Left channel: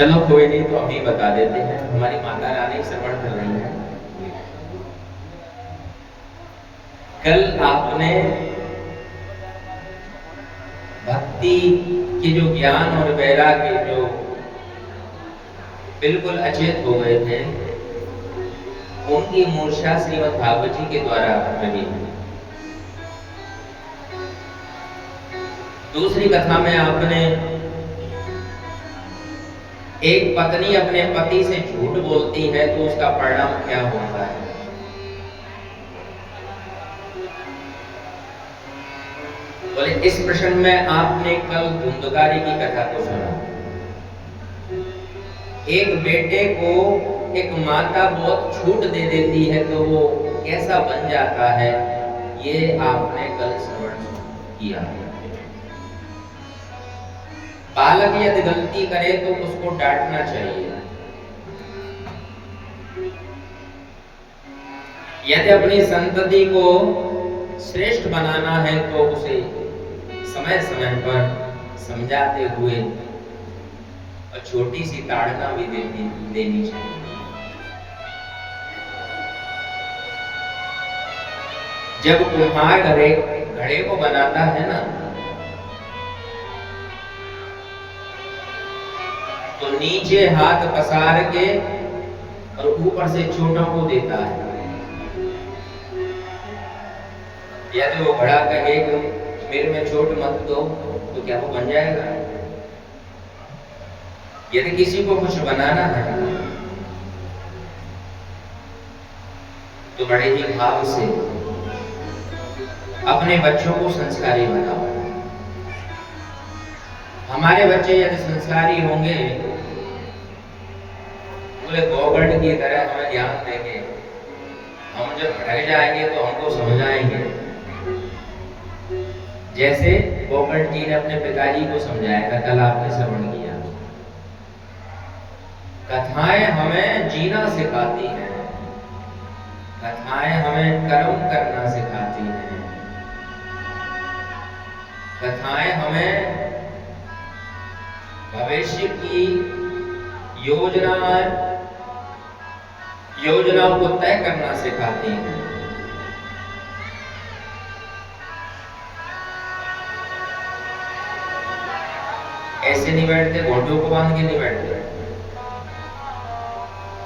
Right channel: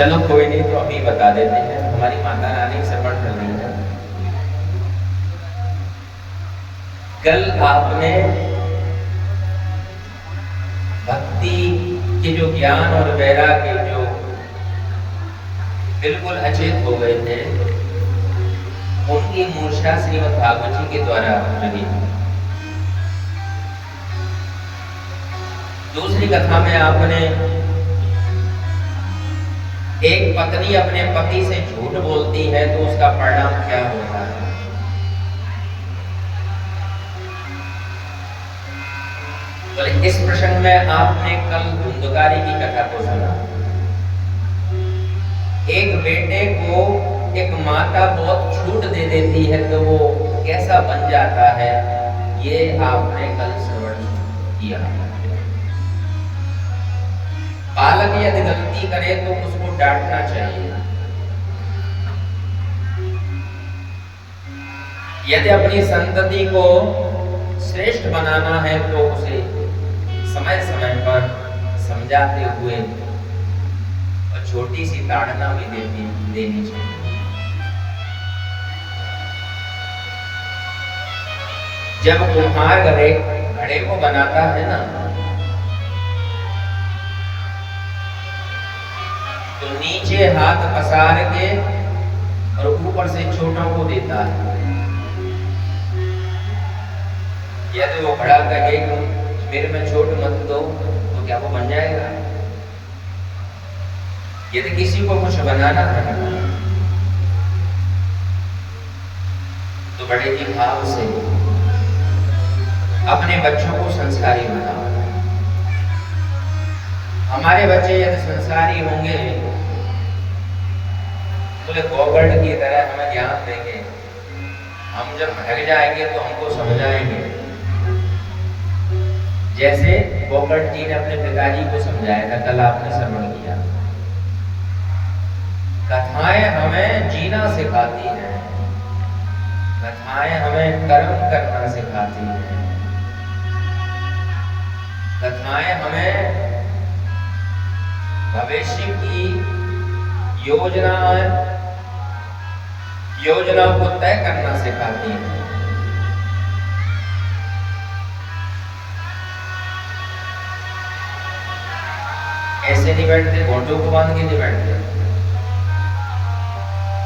चलो कोई नहीं, तो अभी बता देते हैं। हमारी माता रानी श्रवण कर रही है। कल आपने भक्ति के जो ज्ञान और वैराग्य जो बिल्कुल अचेत हो गए थे, उनकी मूर्छा श्रीमद् भागवत जी के द्वारा रही। दूसरी कथा में आपने एक पत्नी अपने पति से झूठ बोलती है तो उसका परिणाम क्या होता है। बोले इस प्रसंग में आपने कल धुंधकारी की कथा को सुना। एक बेटे को एक माता बहुत छूट दे देती है तो वो कैसा बन जाता है, ये आपने कल श्रवण किया। बालक यदि गलती करे तो उसको डांटना चाहिए। यदि अपनी संतति को श्रेष्ठ बनाना है तो उसे समय समय पर समझाते हुए और छोटी सी ताड़ना भी देनी चाहिए। जब कुम्हार घड़े को बनाता है ना, तो नीचे हाथ पसार के और ऊपर से छोटों को देता है। यदि वो घड़ा कहे कि मेरे में छोट मत दो, तो क्या वो बन जाएगा? यदि किसी को कुछ बनाना है तो बड़े ही भाव से अपने बच्चों को संस्कारी बनाओ। हमारे बच्चे यदि संस्कारी होंगे, बोले गोकर्ण की तरह हमें ज्ञान देंगे। हम जब भटक जाएंगे तो हमको समझाएंगे, जैसे गोकर्ण जी ने अपने पिताजी को समझाया था। कल आपने श्रवण किया। कथाएं हमें जीना सिखाती हैं, कथाएं हमें कर्म करना सिखाती हैं, कथाएं हमें भविष्य की योजनाओं को तय करना सिखाती हैं। ऐसे नहीं बैठते, घोटों को बांध के नहीं बैठते,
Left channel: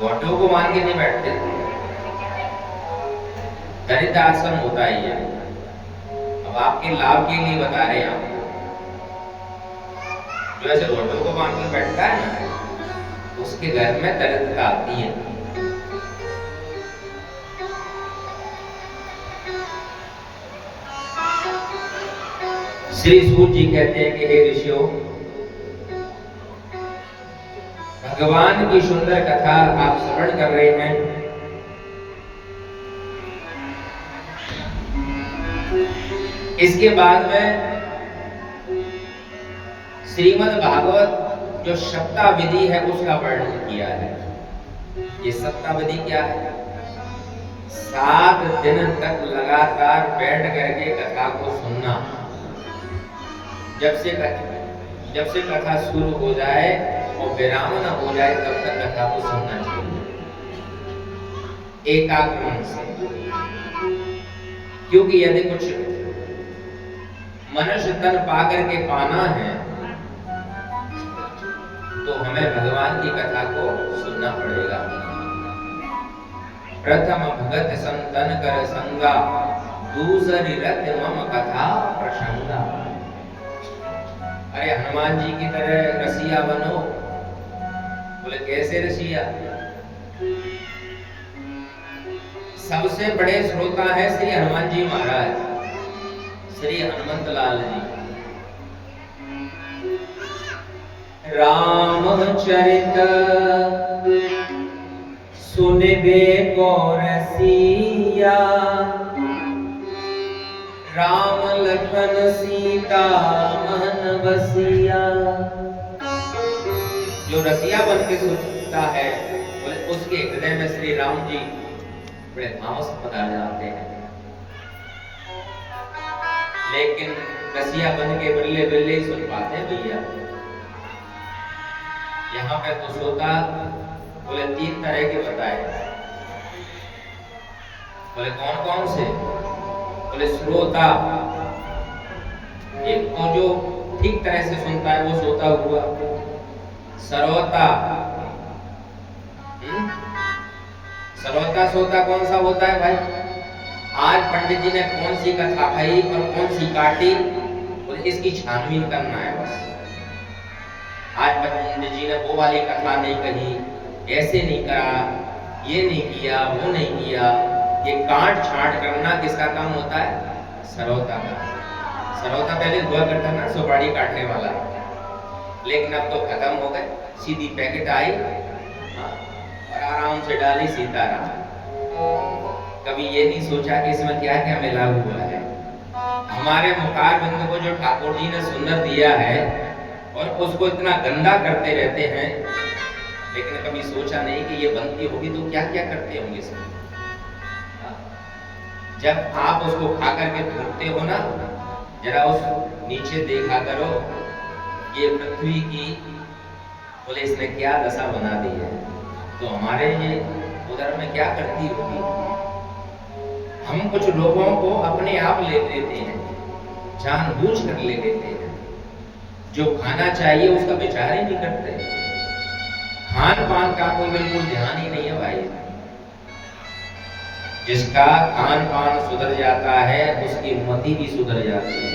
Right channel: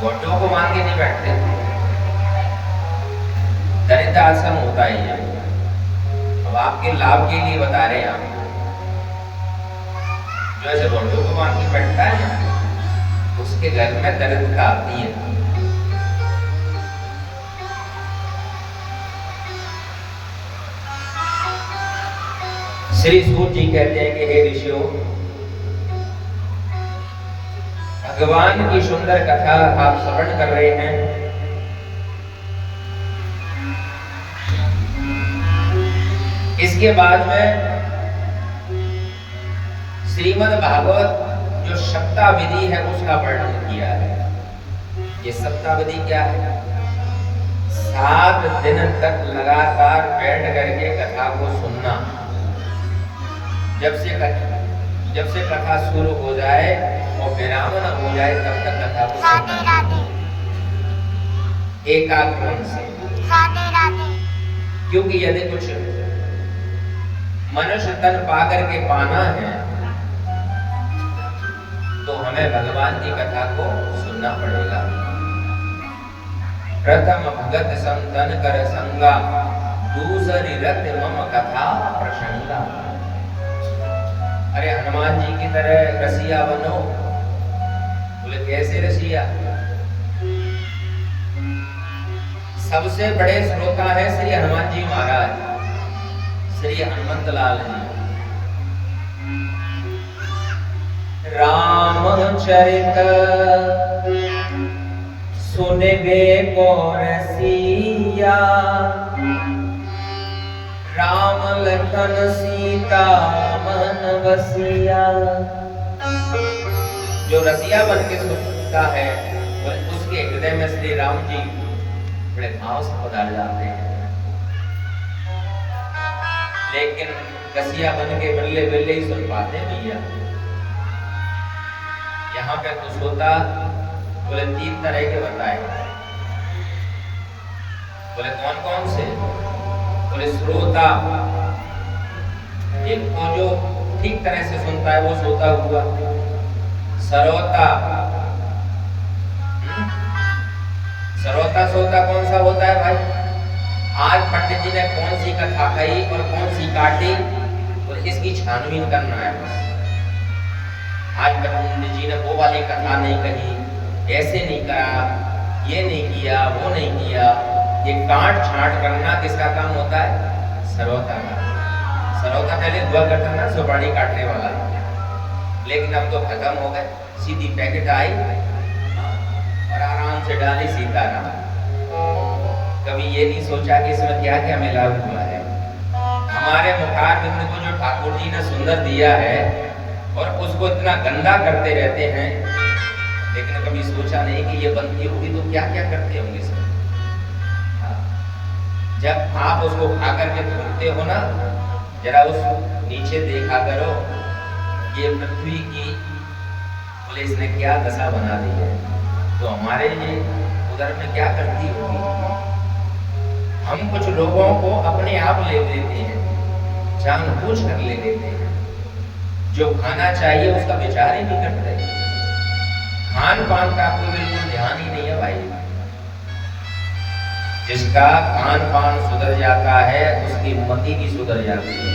घोटों को बांध के नहीं बैठते। दरिद्र आश्रम होता ही है। अब आपके लाभ के लिए बता रहे हैं आपको। जो ऐसे घोटों को बांध के बैठता है ना, उसके घर में दरिद्रता आती है। श्री सूत जी कहते हैं कि हे ऋषियों, भगवान की सुंदर कथा आप श्रवण कर रहे हैं। इसके बाद में श्रीमद् भागवत जो सप्ताह-विधि है उसका वर्णन किया है। ये सप्ताह-विधि क्या है? 7 दिन तक लगातार बैठ करके कथा को सुनना। जब से कथा शुरू हो जाए और विराम न हो जाए तब तक कथा को सुनना, एकाग्र मन से। क्योंकि यदि कुछ मनुष्य तन पा करके पाना है तो हमें भगवान की कथा को सुनना पड़ेगा। प्रथम भगत संतन कर संगा, दूसरी रत मम कथा प्रसंगा। अरे हनुमान जी की तरह रसिया बनो। बोले कैसे रसिया? सबसे बड़े श्रोता है श्री हनुमान जी महाराज, श्री हनुमंत लाल जी। रामचरित सुनबे को रसिया, राम लखन सीता मन बसिया। जो रसिया बन के सुनता है उसके हृदय में श्री राम जी बड़े भाव से पधार जाते हैं। लेकिन रसिया बन के बिल्ले बिल्ले ही सुन पाते हैं भैया। यहाँ पे तो श्रोता बोले 3 तरह के बताए। बोले कौन कौन से? बोले श्रोता, एक तो जो ठीक तरह से सुनता है वो श्रोता हुआ। श्रोता, श्रोता श्रोता कौन सा होता है भाई? आज पंडित जी ने कौन सी कथा कही और कौन सी काटी और इसकी छानबीन करना है बस। आज पंडित जी ने वो वाली कथा नहीं कही, ऐसे नहीं करा, ये नहीं किया, वो नहीं किया। ये काट छांट करना किसका काम होता है? श्रोता का। श्रोता पहले हुआ करता ना सुपारी काटने वाला, लेकिन अब तो खत्म हो गए। सीधी पैकेट आई और आराम से डाली सीताराम। कभी ये नहीं सोचा कि इसमें क्या क्या मिला हुआ है। हमारे मुखार बिंदु को जो ठाकुर जी ने सुंदर दिया है और उसको इतना गंदा करते रहते हैं, लेकिन कभी सोचा नहीं कि ये बनती होगी तो क्या क्या करते होंगे इसमें। जब आप उसको खा करके थूकते हो ना, जरा उस नीचे देखा करो, ये पृथ्वी की बोले इसने क्या दशा बना दी है, तो हमारे ये उधर में क्या करती होगी। हम कुछ लोगों को अपने आप ले लेते हैं, जानबूझ कर ले लेते हैं। जो खाना चाहिए उसका विचार ही नहीं करते। खान पान का कोई बिल्कुल ध्यान ही नहीं है भाई। जिसका खान पान सुधर जाता है उसकी मति भी सुधर जाती है।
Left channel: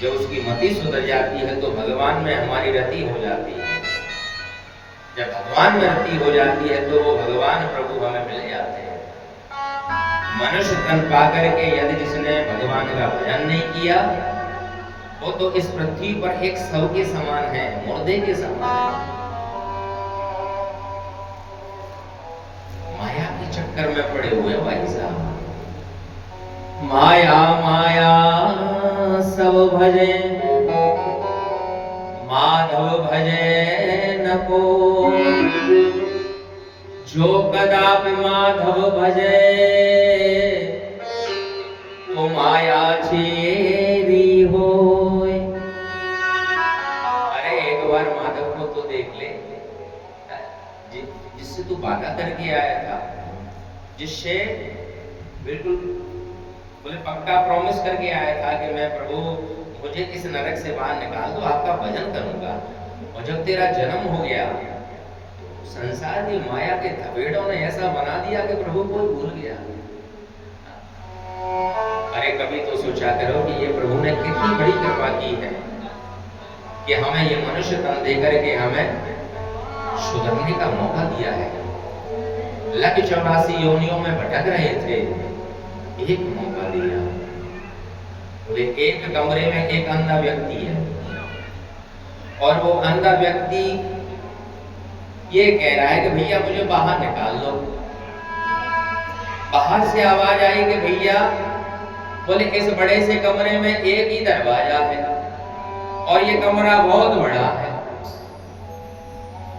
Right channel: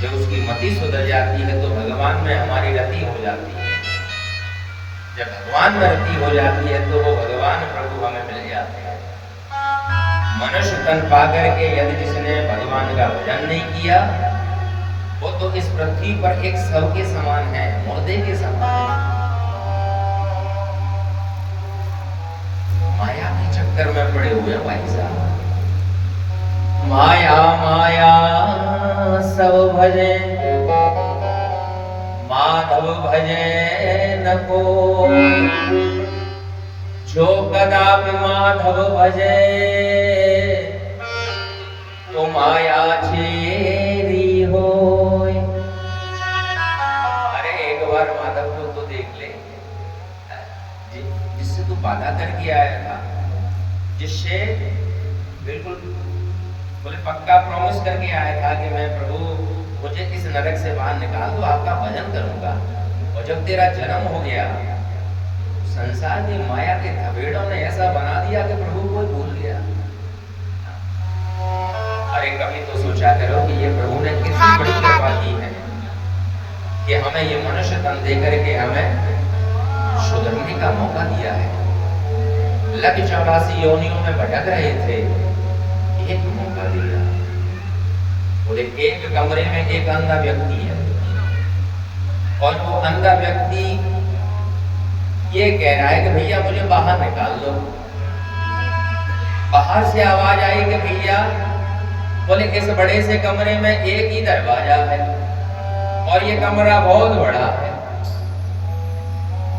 जब उसकी मति सुधर जाती है तो भगवान में हमारी रति हो जाती है। जब भगवान में रति हो जाती है तो वो भगवान प्रभु हमें मिल जाते हैं। मनुष्य तन पा करके यदि जिसने भगवान का भजन नहीं किया, वो तो इस पृथ्वी पर एक शव के समान है, मुर्दे के समान है। माया के चक्कर में पड़े हुए भाई साहब। माया माया सब भजे, माधव भजे न को। जो कदापि माधव भजे, तो माया छेरी होय। अरे एक बार माधव को तो देख ले, जिससे तू बाधा करके आया था, जिससे बिल्कुल बोले पक्का प्रॉमिस करके आया था कि मैं प्रभु मुझे इस नरक से बाहर निकाल दो, आपका भजन करूंगा। और जब तेरा जन्म हो गया, संसार की माया के थपेड़ों ने ऐसा बना दिया कि प्रभु को भूल गया। अरे कभी तो सोचा करो कि ये प्रभु ने कितनी बड़ी कृपा की है कि हमें ये मनुष्य तन दे करके हमें सुधरने का मौका दिया है। लग 84 योनियों में भटक रहे थे, एक मौका दिया। बोले एक कमरे में एक अंधा व्यक्ति है और वो अंधा व्यक्ति ये कह रहा है कि भैया मुझे बाहर निकाल लो। बाहर से आवाज आई कि भैया बोले इस बड़े से कमरे में एक ही दरवाजा है और ये कमरा बहुत बड़ा है।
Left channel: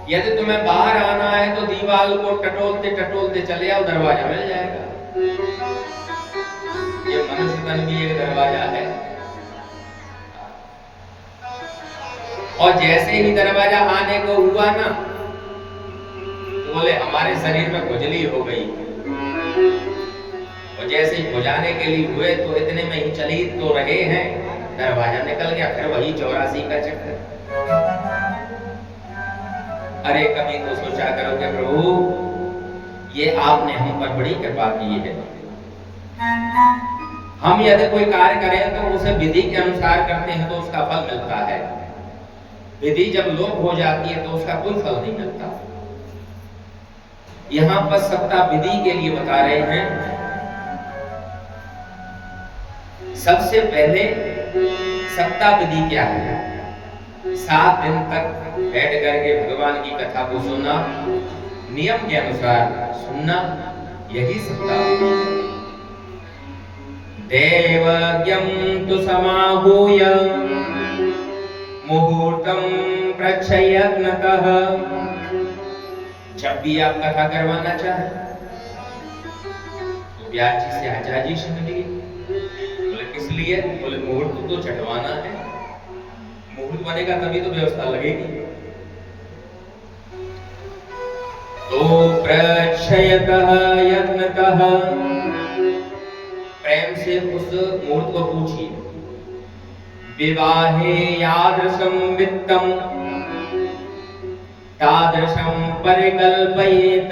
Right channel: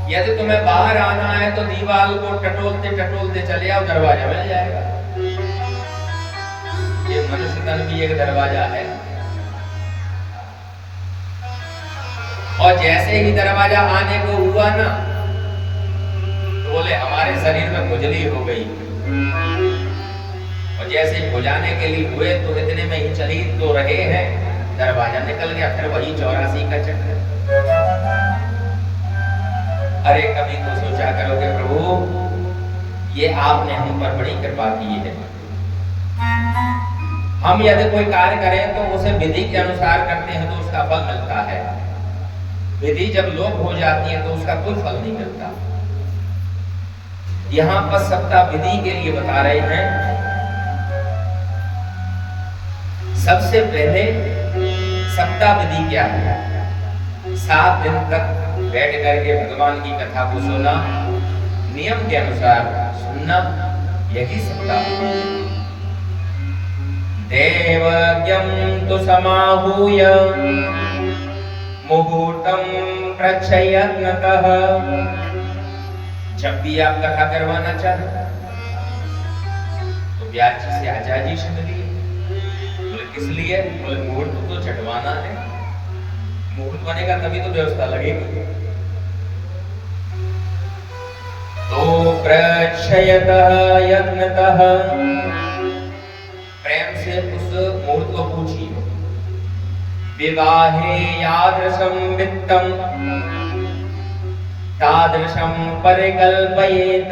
यदि तुम्हें बाहर आना है तो दीवार को टटोलते टटोलते चले आओ, दरवाजा मिल जाएगा। ये मनुष्य तन भी एक दरवाजा है। और जैसे ही दरवाजा आने को हुआ ना, तो बोले हमारे शरीर में खुजली हो गई। और जैसे ही खुजाने के लिए हुए तो इतने में ही चली तो रहे हैं, दरवाजा निकल गया। फिर वही 84 का चक्कर। अरे कभी तो सोचा करो कि प्रभु ये आपने हम पर बड़ी कृपा की है। हम यदि कोई कार्य करें तो उसे विधि के अनुसार करते हैं तो उसका फल मिलता है। विधि जब लोप हो जाती है तो उसका कोई फल नहीं मिलता। यहाँ पर सप्ताह विधि के लिए बता रहे हैं। सबसे पहले सप्ताह विधि क्या है? 7 दिन तक बैठ करके भगवान की कथा को सुना, नियम के अनुसार सुनना, यही सप्ताह विधि है। देवज्ञं तु समाहूय मुहूर्तं प्रच्छयत्नतः। जब भी आप कथा करवाना चाहें तो व्यास जी से आचार्य जी से मिलिए। बोले किस लिए? बोले मुहूर्त तो चढ़वाना है। मुहूर्त बनेगा तभी तो व्यवस्था लगेगी। दर्शयतः यत्नतः, प्रेम से उस मूर्त को पूछिए, विवाहे यादृशं वित्तम तादृशं परिकल्पयेत।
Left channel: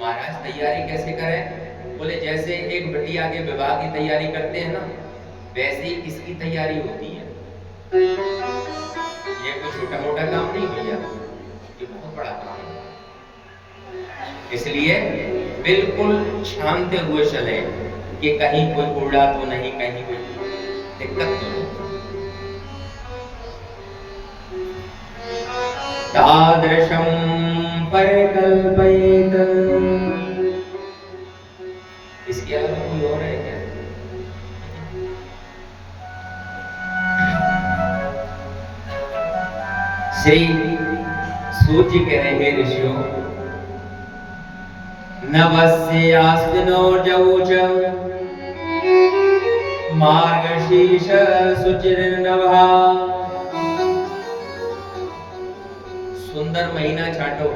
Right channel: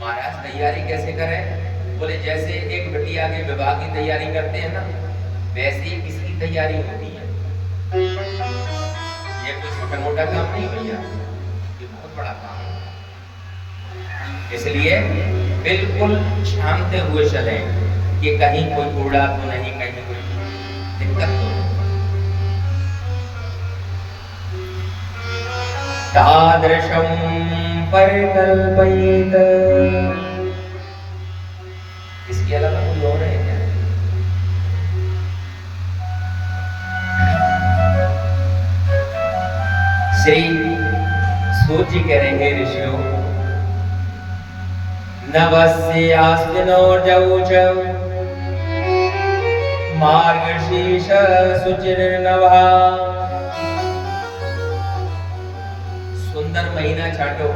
महाराज तैयारी कैसे करें? बोले जैसे एक बिटिया के विवाह की तैयारी करते हैं ना, वैसे ही इसकी तैयारी होती है। ये कोई छोटा मोटा काम नहीं भैया, ये बहुत बड़ा काम है। इसलिए बिल्कुल छानते हुए चले कि कहीं कोई कूड़ा तो नहीं, कहीं कोई दिक्कत तो नहीं। तादृशं परिकल्पयेत। इसके अलावा कोई और है क्या? श्री सूत जी कह रहे हैं ऋषियों, नवस्यास्मिनोर्जौच मार्गशीर्ष शुचिर्नवः। सुंदर महीना छाटो,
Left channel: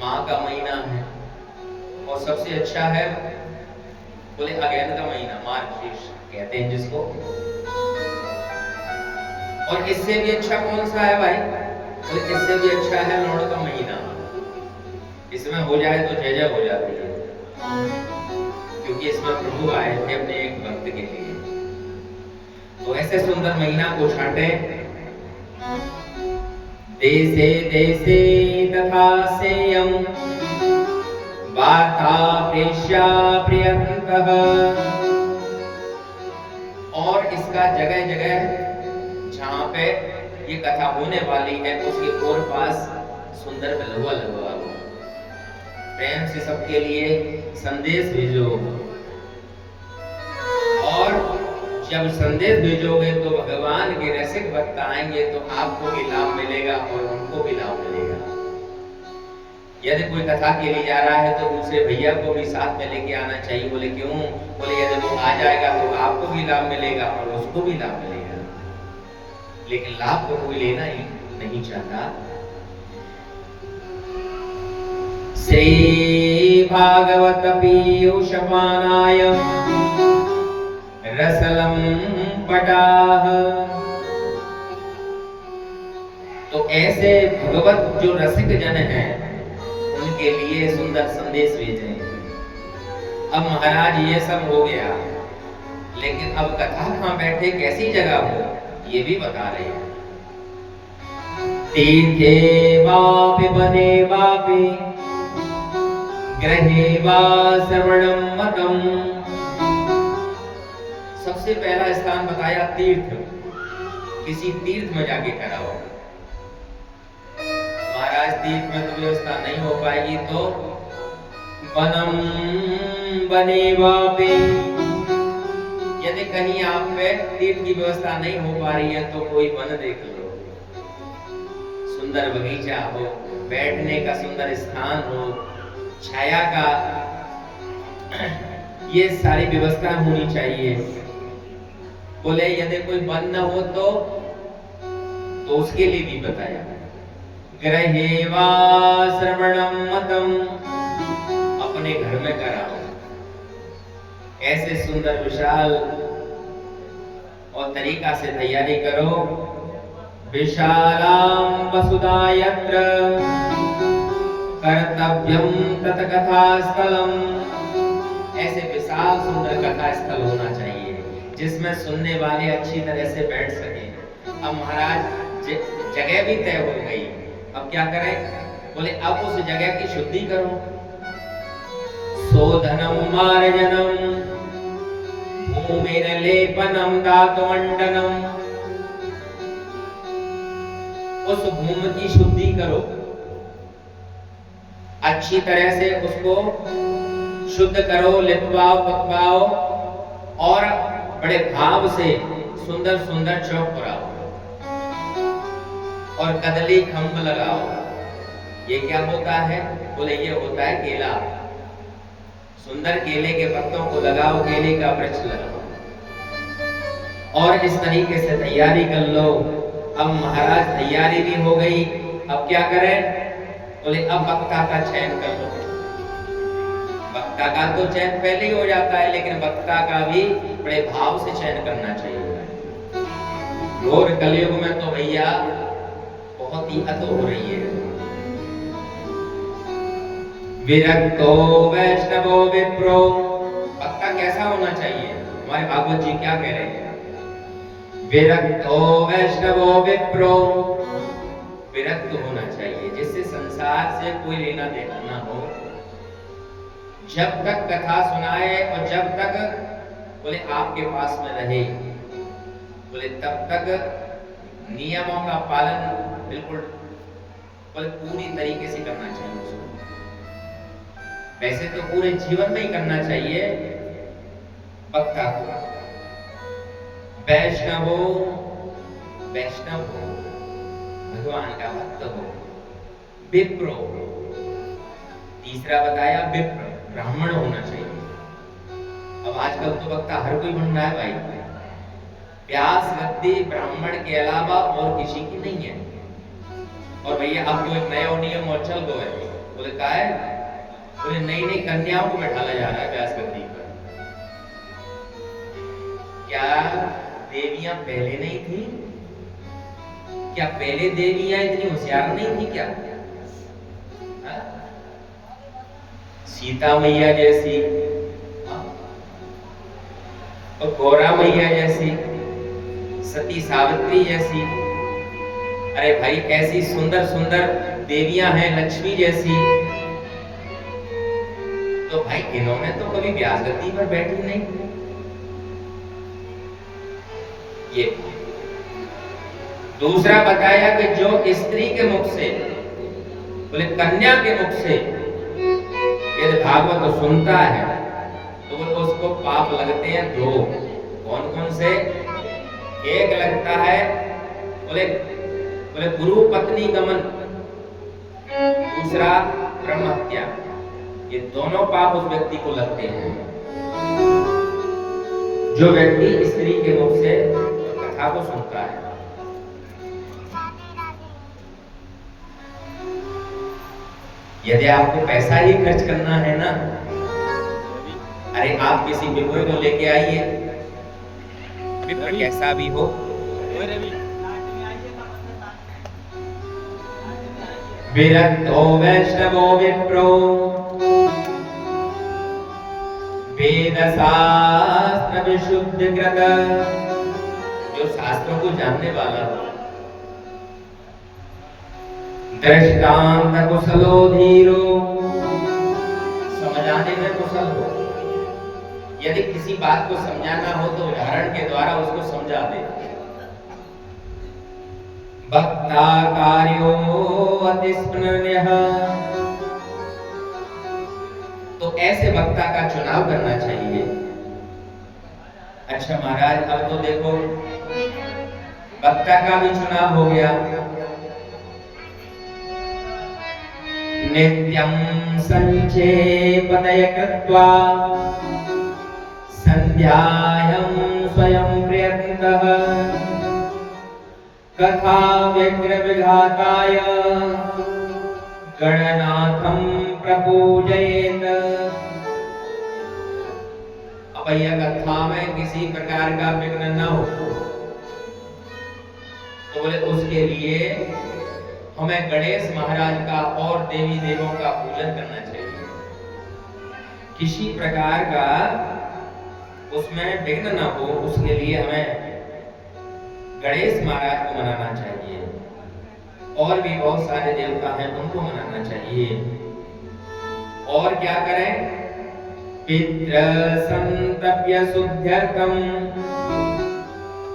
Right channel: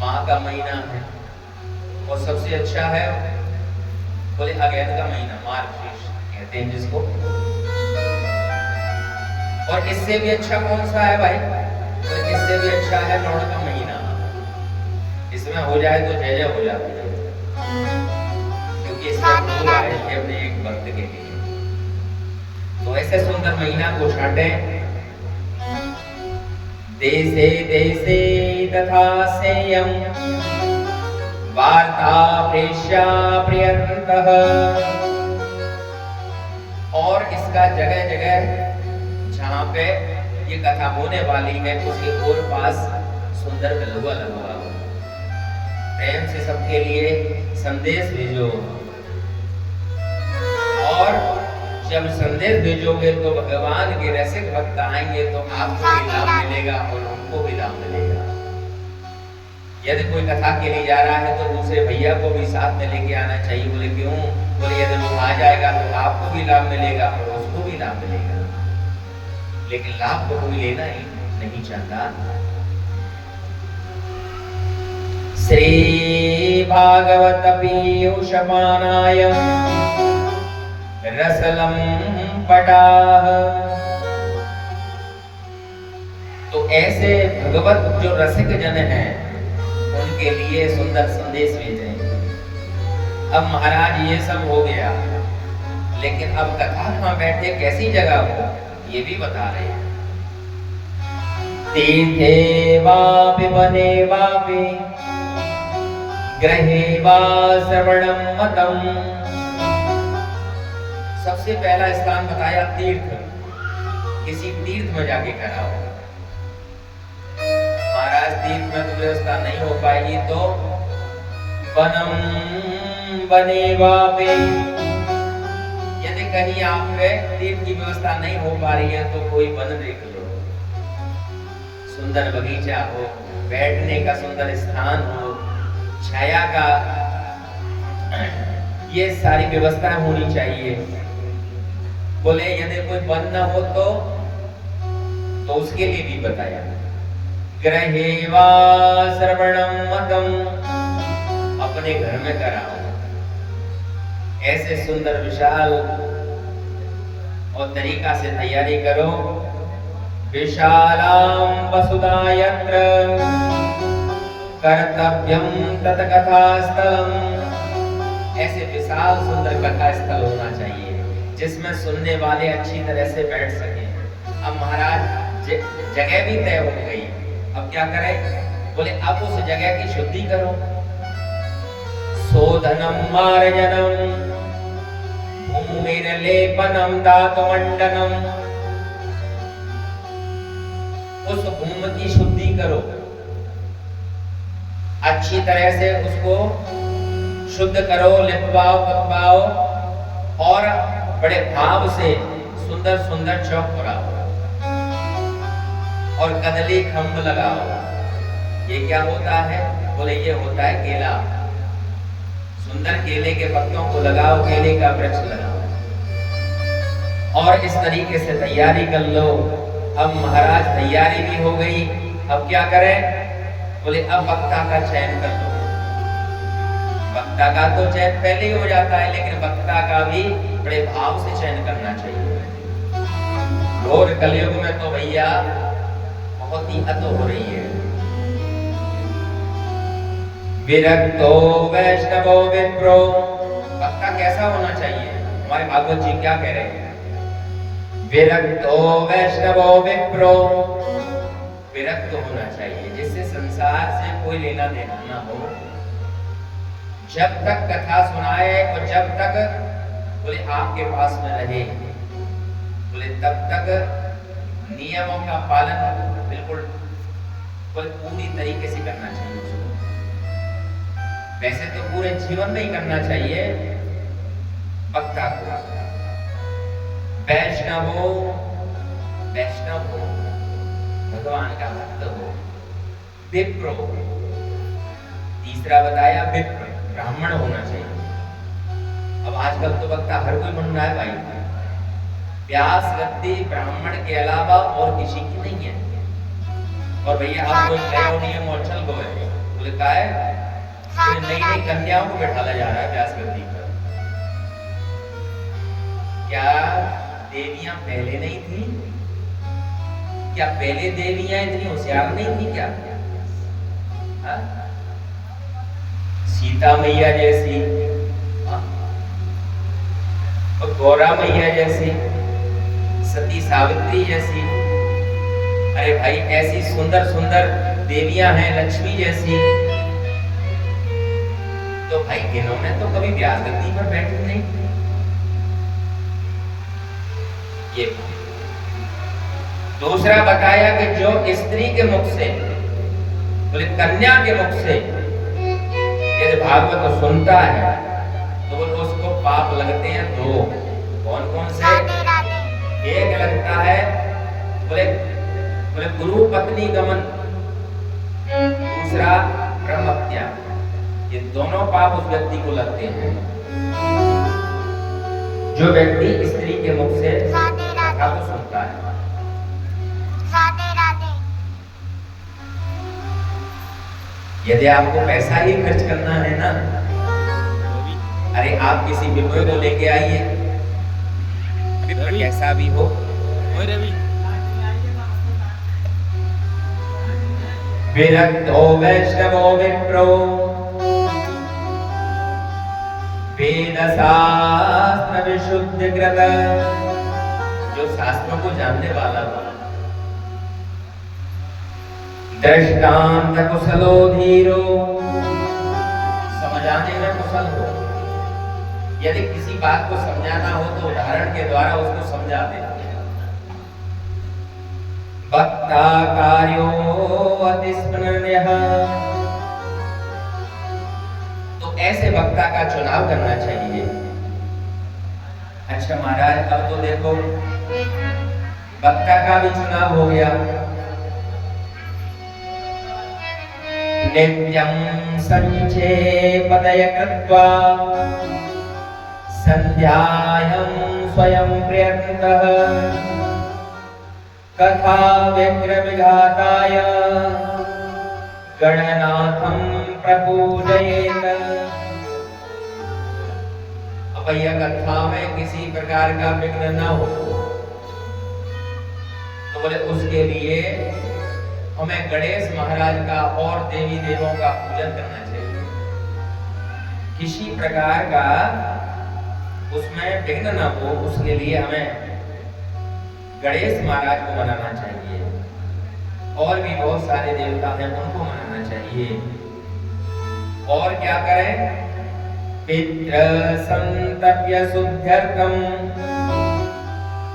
माँ का महीना है, और सबसे अच्छा है बोले अगैन का महीना, मार्गशीर्ष कहते हैं जिसको। और इससे भी अच्छा कौन सा है भाई? बोले इससे भी अच्छा है लौड़ का महीना। इसमें हो जाए तो जय जय हो जाती है, क्योंकि इसमें प्रभु आए थे अपने एक भक्त के लिए। तो ऐसे सुंदर महीना को छाटे। देशे देशे तथा सेयं वार्ता प्रेष्या प्रियंतः। और इसका जगह जगह जहाँ पे ये कथा होने वाली है उसके और पास सुंदर बिल्वा लगवा, प्रेम से सबके लिए संदेश भेजो। और जब संदेश भेजोगे तो भगवान के रसिक भक्त आएंगे तो आपको भी लाभ मिलेगा और उनको भी लाभ मिलेगा। यदि कोई कथा के लिए जा रहा है तो दूसरे भैया को भी साथ में लेके आना चाहिए। बोले क्यों? बोले यदि वो आ जाएगा तो आपको भी लाभ मिलेगा और उसको भी लाभ मिलेगा। लेकिन लाभ को कोई लेना ही नहीं चाहता। श्री भागवत पीयूषमानाय रसलम पटाह। तो ऐसे भगवत जो रसिक जन हैं उनके लिए सुंदर संदेश भेजें। अब महाराज ये सब हो गया, लेकिन अब कथा कहाँ बैठे, कैसी जगह हो, ये भी बता रहे हैं। तीर्थे वापि वने वापि गृहे वा श्रवणं मतम्। सबसे पहला स्थान बताया तीर्थ, किसी तीर्थ में जाके कराओ। महाराज तीर्थ में तो व्यवस्था नहीं हो पाएगी तो वनम वने वापि, यदि कहीं आप पे तीर्थ की व्यवस्था नहीं हो पा रही है तो कोई वन देख लो, सुंदर बगीचा हो, बैठने का सुंदर स्थान हो, छाया का, ये सारी व्यवस्था होनी चाहिए। बोले यदि कोई वन न हो तो उसके लिए भी बताया, गृहे वा श्रवणं मतम्, अपने घर में कराओ। ऐसे सुंदर विशाल और तरीका से तैयारी करो। विशालां वसुधा यत्र कर्तव्यं तत् कथा स्थलम्। ऐसे विशाल सुंदर कथा स्थल होना चाहिए जिसमें सुनने वाले अच्छी तरह से बैठ सके। अब महाराज जगह भी तय हो गई, अब क्या करें? बोले अब उस जगह की शुद्धि करो। शोधनम मार्जनम भूमिर लेपनम धातुमंडनम। उस भूमि की शुद्धि करो, अच्छी तरह से उसको शुद्ध करो, लिपवाओ पकवाओ और बड़े भाव से सुंदर सुंदर चौक कराओ और कदली खंभ लगाओ। ये क्या होता है? बोले ये होता है केला। सुंदर केले के पत्तों को लगाओ, केले का वृक्ष लगाओ और इस तरीके से तैयारी कर लो। अब महाराज तैयारी भी हो गई, अब क्या करें? बोले अब वक्ता का चयन कर लो। वक्ता का तो चयन पहले ही हो जाता है, लेकिन वक्ता का भी बड़े भाव से चयन करना चाहिए। घोर कलयुग में तो भैया बहुत ही हद हो रही है। विरक्तो वैष्णवो विप्रो, वक्ता कैसा होना चाहिए? हमारे भागवत जी क्या कह रहे हैं? विरक्तो वैष्णवो विप्रो, विरक्त होना चाहिए, जिससे संसार से कोई लेना देना ना हो। जब तक कथा सुनाए और जब तक बोले आपके पास में रहे, बोले तब तक नियमों का पालन बिल्कुल बोले पूरी तरीके से करना चाहिए उसको। वैसे तो पूरे जीवन में ही करना चाहिए वक्ता को। वैष्णव हो, भगवान का भक्त हो। विप्रो, तीसरा बताया विप्र, ब्राह्मण होना चाहिए। अब आजकल तो वक्ता हर कोई बन रहा है भाई। व्यास गद्दी ब्राह्मण के अलावा और किसी की नहीं है। और भैया अब कोई नया नियम और चल गए, बोले का है नई नई कन्याओं को बैठाला जा रहा है व्यास गद्दी पर। क्या देवियां पहले नहीं थी? क्या पहले देवियां इतनी होशियार नहीं थी क्या? हा? सीता मैया जैसी और गौरा मैया जैसी, सती सावित्री जैसी, अरे भाई ऐसी सुंदर सुंदर देवियां हैं, लक्ष्मी जैसी। तो भाई इन्होंने तो कभी व्यास गद्दी पर बैठी नहीं। ये दूसरा बताया कि जो स्त्री के मुख से, बोले कन्या के मुख से यदि भागवत सुनता है तो बोले उसको पाप लगते हैं दो। कौन कौन से? एक लगता है बोले बोले गुरु पत्नी गमन, दूसरा ब्रह्म हत्या। ये दोनों पाप उस व्यक्ति को लगते हैं जो व्यक्ति स्त्री के मुख से कथा को सुनता है। यदि आपको पैसा ही खर्च करना है ना, अरे आप किसी विप्र को लेके आइए, विप्र कैसा भी हो, विरक्तो वैष्णवो विप्रो वेद शास्त्र विशुद्ध कृत, जो शास्त्रों को जानने वाला हो, दृष्टांत कुशलो धीरो, समझाने में कुशल हो। यदि किसी बात को समझाना हो तो उदाहरण के द्वारा उसको समझा दे। वक्ता कार्यो अतिस्मरणीयः, तो ऐसे वक्ता का चुनाव करना चाहिए। अच्छा महाराज, अब तो देखो वक्ता का भी चुनाव हो गया। नित्यं संचेपदय कृत्वा संध्यायां स्वयं प्रयत्नतः कथा व्यग्र विघाताय गणनाथं प्रपूजयेत। अब यह कथा में किसी प्रकार का विघ्न न हो तो बोले उसके लिए हमें गणेश महाराज का और देवी देवों का पूजन करना चाहिए। किसी प्रकार का उसमें विघ्न न हो, उसके लिए हमें गणेश महाराज को मनाना चाहिए। और भी बहुत सारे देवता हैं, उनको मनाना चाहिए। और क्या करें? पितृ संतप्य शुद्ध्यर्थम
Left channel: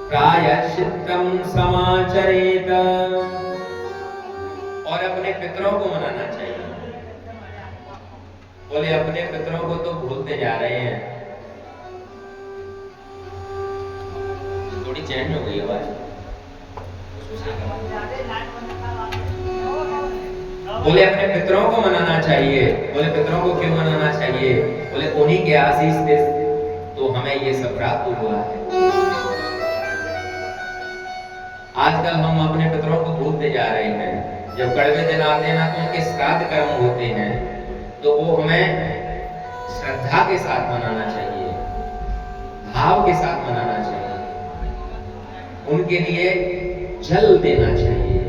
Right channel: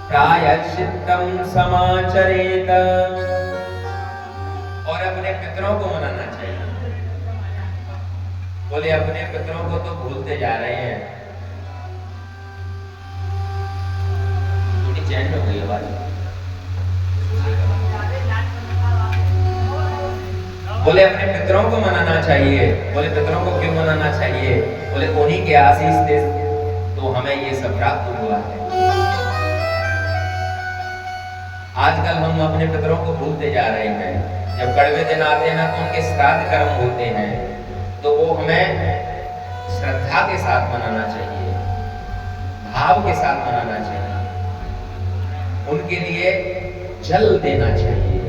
प्रायश्चित्तम समाचरेत, और अपने पितरों को मनाना चाहिए। बोले अपने पितरों को तो भूलते जा रहे हैं। थोड़ी चेंज हो गई आवाज। बोले अपने पितरों को मनाना चाहिए। बोले पितरों को क्यों मनाना चाहिए? बोले उन्हीं के आशीष से तो हमें ये सब प्राप्त हुआ है। आजकल हम अपने पितरों को भूलते जा रहे हैं। जब कड़वे दिन आते हैं ना तो उनके श्राद्ध कर्म होते हैं, तो वो हमें श्रद्धा के साथ मनाना चाहिए, भाव के साथ मनाना चाहिए, उनके लिए जल देना चाहिए।